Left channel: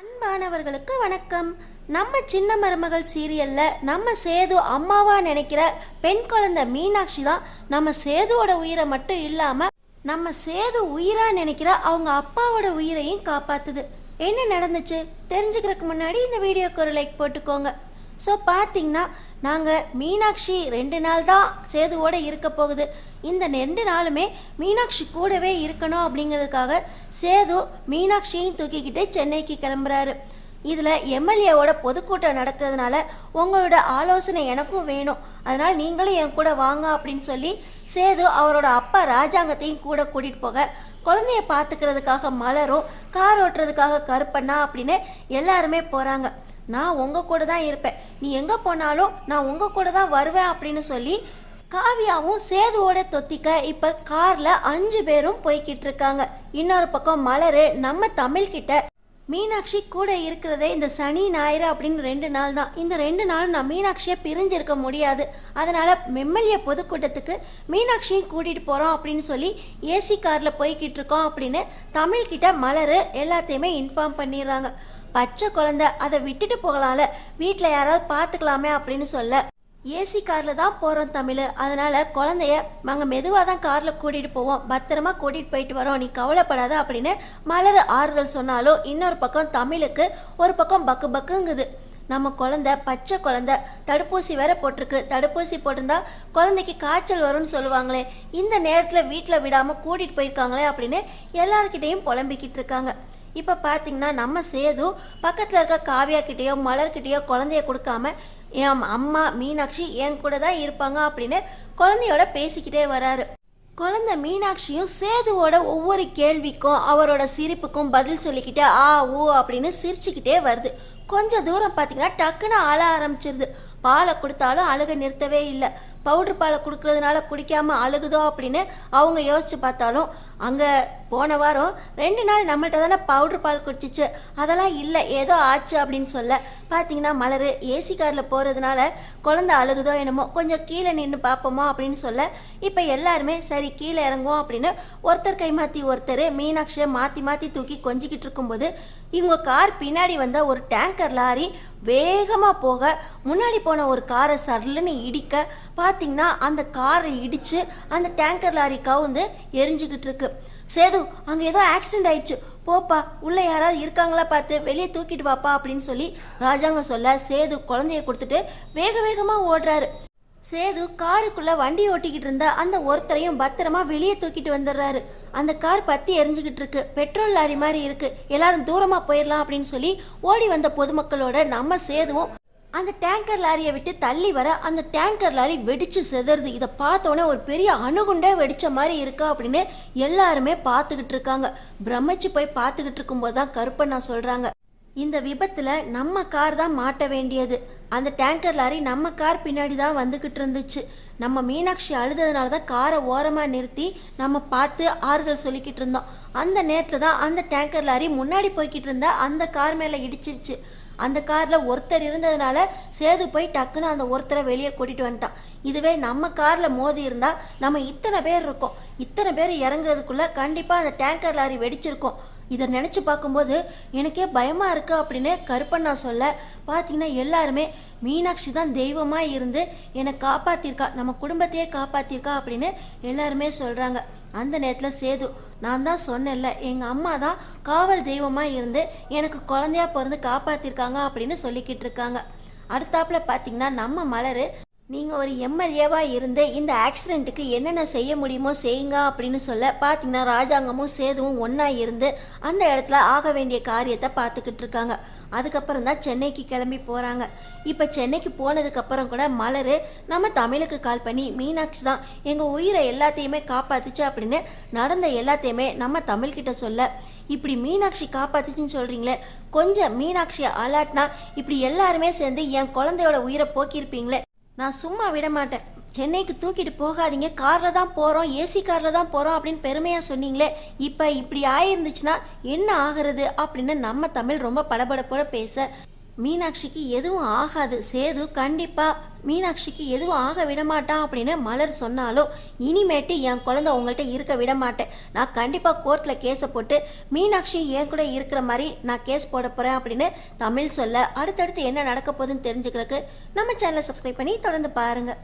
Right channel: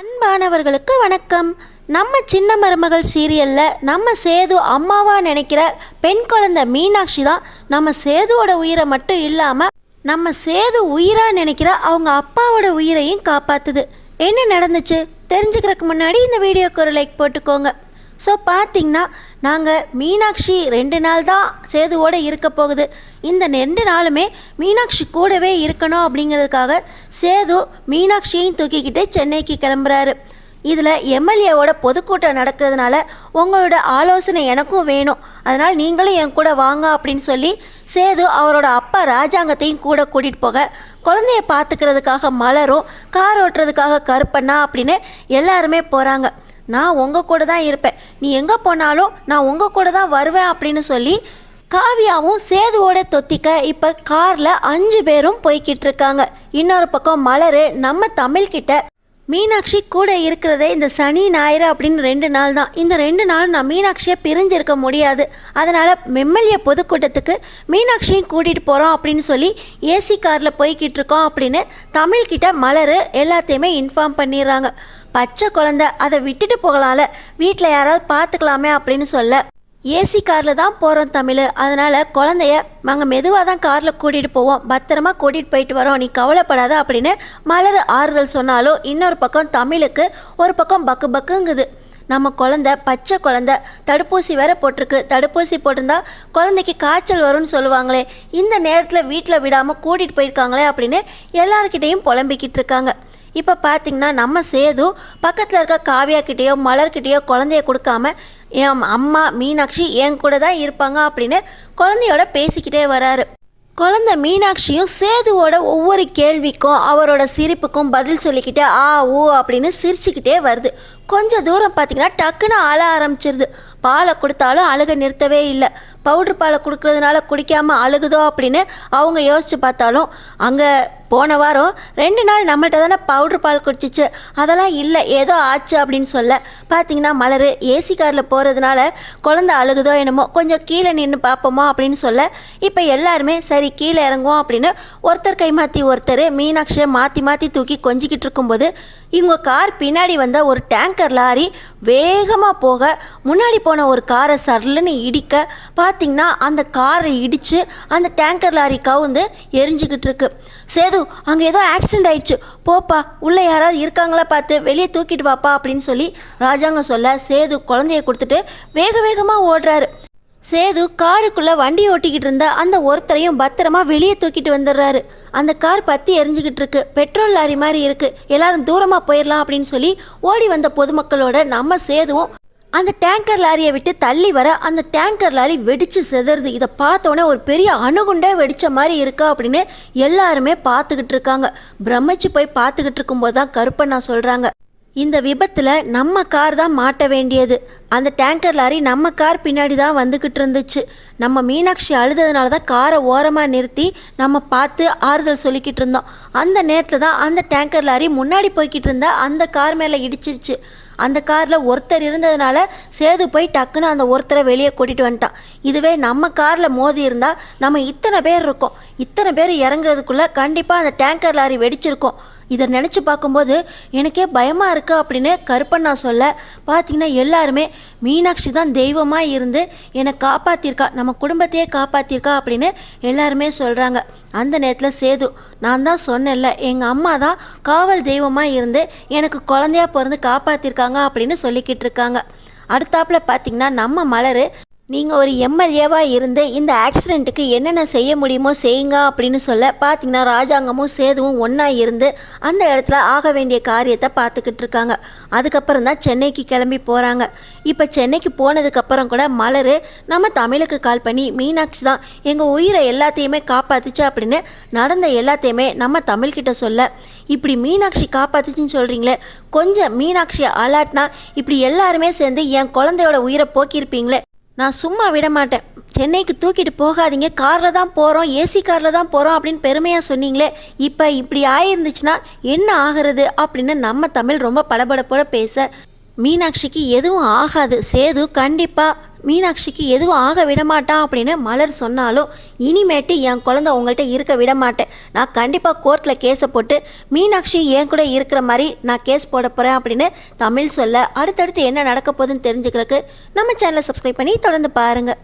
அன்பானவர்களுக்கு வணக்கம். நம்ம சின்ன மருமகள் சீரியல்ல நம்ம சேது அம்மாவா நினைக்கிற பெண் குழந்தை மீனாட்சி தான் நம்ம சேதுவோட உயிரை மட்டும் இல்லாம நம்ம சேது உயிரா நினைக்கிற அவங்க அப்பாவோட உயிரையும் காப்பாத்துது. என்ன நடந்துச்சு தெரிஞ்சுக்கிறதுக்கு முன்னாடி இந்த வீடியோக்கு ஒரு லைக் போட்டுக்கோங்க. ஸோ பார்த்தீங்கன்னா நாங்கள் மீனாட்சி 2 நாள் தான் சேதுவோடு இருக்க போகுது. இந்த 2 நாளுமே மீனாட்சி கூடவே இருக்கணும் அப்படிங்கிறதுக்காக சேது மீனாட்சியையும் தூக்கிக்கிட்டு சென்னைக்கு கிளம்புறாரு. இதில் எம்எல்ஏவோட பொதுக்கூட்டம் நடக்கிறதுனால உங்களோட ஆலோசனை எனக்கும் வேணும், அதனால் நீங்களும் என் கூட வாங்க அப்படின்னு சொல்லி சேது அவரோட அப்பா ராஜாங்கத்தையும் கூட கூட்டிகிட்டு போக, குழந்தைய பார்த்துக்கிறதுக்காக மலரும், கார் ஓட்டுறதுக்காக கருப்பண்ணா அப்படின்னு எல்லாருமே போகிறாங்க. நான் உங்கள் கூட தான் இருப்பேன், நீ எங்கே போனாலும் நான் உங்கள் கூட தான் வருவேன் அப்படின்னு சொல்லி காவியாவும் சேதுவோட தொத்திக்க இப்போ காரில் 5 பேரும் போய்கிட்டு இருக்காங்க. இன்னொரு பக்கம் மலர் நம்ம தமிழ்கிட்ட மீனாட்சி கூட இருக்கிறதே இந்த சனி ஞாயிறு அப்படின்னு 2 நாள் தான். இந்த 2 நாள் நான் மீனாட்சியை பிரிஞ்சிருக்க முடியாது, அதனால் எம்எல்ஏ பொதுக்கூட்டத்துக்கு மீனாட்சியும் கூட்டிகிட்டு போகிறோம் அப்படின்னு சொல்லி ஏசி காரில் போய்கிட்டு இருக்கோம் அப்படின்னு தமிழ்கிட்ட மலர் எல்லாத்தையுமே இன்ஃபார்ம் பண்ணிடுறாங்க. பச்சை குழந்தை, அதை விட்டுட்டு போகலாம்ல, வீட்டில் யாராவது பார்த்துக்கலாமே அப்படின்னு சொல்ல, ஏசி காரில் தான் போகிறோம் தமிழ், அதனால் குழந்தைய நாங்கள் மெதுவாக தான் காரில் கூட்டிகிட்டு போவோம், பத்திரமா கூட்டிகிட்டு போயிட்டு வரோம், நீ கவலைப்படாத அப்படின்னு மலர் ஆறுதல் சொன்னாலும் இன்னொரு பக்கம் தமிழுக்கு ஒரு பக்கம் பக்கு பக்குங்குது. நம்ம குழந்தை பச்சை குழந்தை, தடுப்பூசி வேற போட்டிருக்கு, தடுப்பூசி போட்டிருந்தா குழந்தைக்கு காய்ச்சல் வரும்னு சொல்லுவாங்களே, இந்த நேரத்தில் வீட்டில் விடாமல் கூட்டிகிட்டு போயிருக்காங்களே அப்படின்னு எல்லாருக்கிட்டையும் புலம்பிக்கிட்டு இருக்காங்க. இப்போ பார்த்தீங்கன்னா நம்ம சேது பக்கத்தில் இருக்க காவியா கிட்டேயோ மலர்கிட்டேயோ குழந்தைய கொடுக்காம என் அம்மா மீனாட்சி என் கூட தான் இருப்பாங்க அப்படின்னு குழந்தையோட பேசிக்கிட்டே வராரு. குழந்தை மீனாட்சியும் சேதுவோட ஒவ்வொரு கேள்விக்கும் அவரோட சிரிப்புக்கும் பதில் சொல்லிக்கிட்டே ஆ ஊ அப்படின்னு சிரிச்சுக்கிட்டே வருது. கொஞ்சம் தூரம் பார்த்தீங்கன்னா டக்குன்னு அழ ஆரம்பிச்சிருது. பாலை கொடுத்தாலும் அழுக நிறுத்தவே இல்லை. பவுட்ரு பாலை கொடுக்கறதுனால குடிக்காமல் அழுகுதோ அப்படின்னு அவங்க யோசித்து பார்த்தாலும் அங்கே போன வாரம் 2 நாள் நம்மள்கிட்ட தானே பவுட்ரு பால் குடிச்சிச்சு, அதெல்லாம் இல்லை ஏதோ ஆச்சு அப்படின்னு சொல்ல பார்த்தீங்கன்னா மலர் ஏசி காரில் போகிறதுனால குழந்தை அழுகுதோ என்னமோ, கொஞ்சம் கீழே நின்று பார்ப்போமா அப்படின்னு சொல்ல இப்போ எல்லாருமே சரி கீழே இறங்குவோம் அப்படின்னு ஒருத்தர் கை மாற்றி ஒருத்தர் மீனாட்சியை மாற்றி மாற்றி தூக்கி கொஞ்சிக்கிட்டு இருக்கும்போது இவங்க கார் பின்னாடி வந்த ஒரு டேங்கர் லாரி வேகமாக போக முன்னாடி போன ஒரு காரை சரலுன்னு இடிக்க பார்த்தீங்கன்னா அந்த காரை இடித்து அந்த டேங்கர் லாரி கவுந்து எரிஞ்சிக்கிட்டு இருக்கு. சேது அங்கே ஏதோ ஆக்சிடென்ட் ஆயிடுச்சு, போப்பா உள்ளே யாராவது இருக்காங்களா பார்த்து வெளியே தூக்கிட்டு வாப்பா அப்படின்னு சொல்லி ராஜாங்கம் சொல்ல சேது குழந்தைய கொடுத்துட்டு வேக வேகமாக ஓடுறாரு. சேது காருக்குள்ளே வண்டி ஓட்டிக்கிட்டு இருந்த அந்த ஒருத்தரையும் பத்திரமா வெளியே தூக்கிட்டு வந்துடுறாரு. அந்த கார் பற்றி எரிஞ்சிக்கிட்டு இருக்கு, பெட்ரோல் லாரி மாதிரி இருக்குது, எல்லாரும் தூரமாக போயிடலாம் அப்படின்னு சொல்லி ஓடி வந்த பொதுமக்களோட நம்ம சேதுவும் அந்த டேங்கர் லாரியை விட்டு தள்ளி வர அந்த டேங்கர் லாரி வெடித்து செதறுது. இதை பார்த்தோன்னே ஒரு பெரிய அணுகுண்டே வெடித்த மாதிரி இருக்கா அப்படின்னு எல்லாருமே பார்த்துக்கிட்டு இருக்காங்க. பிரமிச்சு போய் பார்த்துக்கிட்டு இருக்கும்போது தான் கருப்பண்ணா சொல்கிறாங்க, இந்த விபத்தில் நம்ம கார் தான் மாட்ட வேண்டியது, அந்த டேங்கர் லாரி நம்ம கார் பின்னாடி தான் வந்துக்கிட்டு இருந்துச்சு, நம்ம மீனாட்சி அழுததுனால தான் காரை ஓரமாக நிறுத்தி நம்ம பார்த்து ஆறுதல் சொல்லிக்கிட்டு இருந்தோம், அந்த நேரத்தில் தான் அந்த டேங்கர் லாரி முன்னாடி போய்கிட்டு இருந்த அந்த கார் மேலே இடிச்சிருச்சு, அந்த காரில் ஒருத்தர் இருந்ததுனால சேது போய் டக்குன்னு அந்த ஒருத்தரை வெளியே கூட்டிகிட்டு வந்துட்டான், இதுவே நம்ம காரில் மோதி இருந்தால் நம்ம இத்தனை பேர் இருக்கோம், இத்தனை பேர் இறங்குறதுக்குள்ளே கண்டிப்பாக அந்த டேங்கர் லாரி வெடிச்சிருக்கோம், இதை நினச்சி பார்க்கும்போது எனக்கே பயமாக இருக்குது அப்படின்னு கருப்பண்ணா சொல்ல பார்த்திங்கன்னா எல்லாருமே மீனாட்சி தான் தெய்வமாக இருந்து என்னை காப்பாற்றிருக்கா, நம்ம குடும்பத்தையே காப்பாற்றிருக்கா அப்படின்னு எல்லாருமே சொல்கிறாங்க. அந்த நேரத்தில் சேது நான் தான் சொன்னேன்ல எங்கள் அம்மா தான் காவல் தெய்வமாக இருந்து எனக்கு குழந்தையா பிறந்து காப்பாற்றிருக்காங்க அப்படின்னு சொல்லிக்கிட்டு இருக்காங்க. அடுத்தாப்பில் பார்த்திங்கன்னா நம்ம மலர் நீங்கள் ஒரு எம்எல்ஏவாக இருந்து இந்த ஆக்சிடெண்ட்டுக்கு என்னென்ன செய்ய முடியுமோ செய்யுங்க அப்படின்னு சொல்ல பார்த்தீங்கன்னா ராஜாங்கமும் சேதுவும் ஒன்றா இருந்து அந்த இடத்துல ஆக வேண்டிய காரியத்தை பார்த்துக்கிட்டு இருக்காங்க. அதுக்கப்புறம் தான் சென்னைக்கு கிளம்பி போகிறாங்க. இப்போ சென்னைக்கு போனதுக்கப்புறம் கூட மலர் நம்ம தமிழுக்கு கால் பண்ணி மீனாட்சி தான் எங்கள் உயிரை எல்லாத்தையுமே காப்பாற்றுச்சு அப்படின்னு நடந்த எல்லாத்தையுமே நம்ம தமிழ்கிட்ட சொல்ல, இப்படி மீனாட்சி காப்பாற்றுச்சின்னு சொல்கிறீங்களே, கொஞ்சம் மீனாட்சியை அலாட்னா இப்படி எல்லாருமே சேர்ந்து என் குழந்தையோட உயிரை போக்கியிருப்பீங்களே, நான் சும்மா விட மாட்டேன், சென்னைக்கு தூக்கிட்டு போகாதீங்க, காரில் தான் போகிறோம், ஏசி காரில் தான் போகிறோம் அப்படின்னு பெருமையாக சொன்னீங்களே, இப்போ இப்படி ஆயிருந்துச்சுன்னா என்ன ஆகிறது அப்படின்னு நம்ம தமிழ் ரொம்ப படபடப்போட பேச மீனாட்சிக்கு எதுவும் ஆகாது, சேது கண்டிப்பாக மீனாட்சிக்கு எதுவும் ஆக விடமாட்டான் அப்படின்னு மலர் சொன்னாலும் இனிமேட்டு என் குழந்தை உங்கள்கிட்ட இருக்க விட மாட்டேன். நான் கண்டிப்பாக கோர்ட்டில் கேஸை போட்டு மீனாட்சி என் கூட இருக்கிற மாதிரி நான் கேஸ் போட போகிறேன் அப்படின்னு தமிழ் சொல்ல அடுத்தடுத்து என்ன நடக்க போகுதுன்னு தெரிஞ்சுக்கிறதுக்கு நம்ம சேனலை சப்ஸ்கிரைப் பண்ணி தொடர்ந்து பாருங்கள்.